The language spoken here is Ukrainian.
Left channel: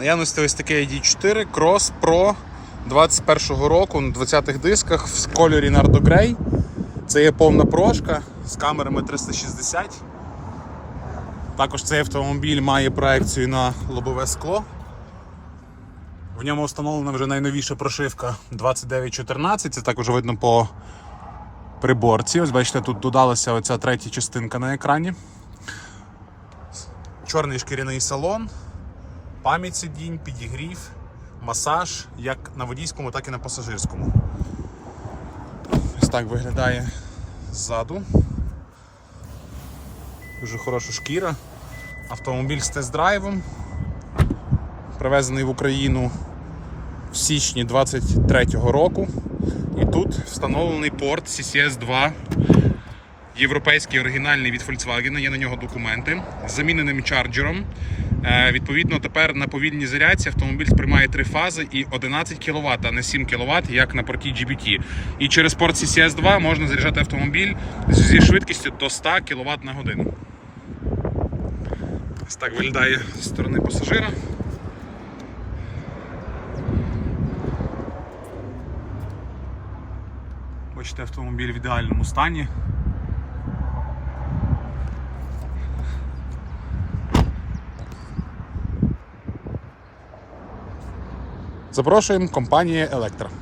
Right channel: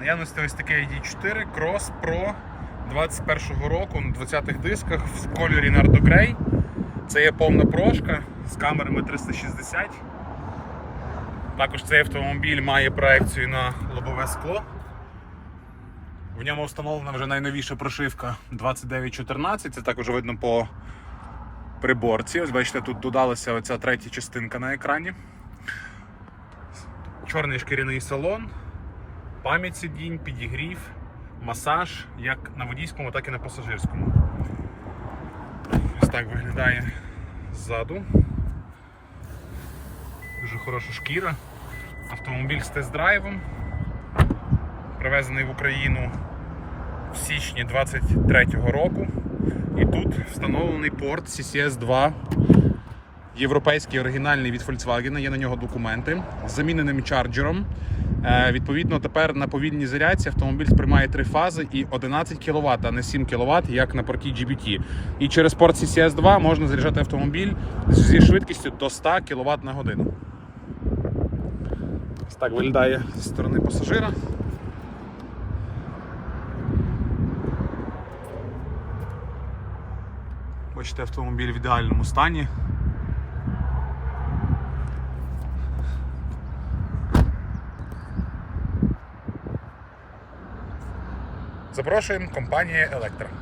Наявності ось таке ID4 Cross Pro 21-го року на 20-х дисках в кольорі Nardo Grey. Це є повна прошка з камерами 360. Також цей автомобіль має проекцію на лобове скло. В ньому встановлена вже найновіша прошивка 2914. Це також видно по приборці. Ось бачите, тут додалася оця третя частинка на екрані. Чорний шкіряний салон, пам'ять сидінь, підігрів, масаж як на водійському, так і на пасажирському. Ось так виглядає ззаду. Дуже хороша шкіра. Автомобіль з тест-драйвом. Привезений в Україну в січні 23-го року. І тут встановлений порт CCS 2 європейський оригінальний від Volkswagen, є на нього документи з заміненим чарджером. Е, Відповідно, тепер на повільній зарядці автомобіль сприймає три фази і 11 кВт, а не 7 кВт, як на порті GBT. І через порт CCS 2 можна заряджати автомобіль зі швидкістю до 100 кВт на годину. Ось так виглядає зі сторони пасажира. Бачите, автомобіль в ідеальному стані. Запрошуємо компанії Електра.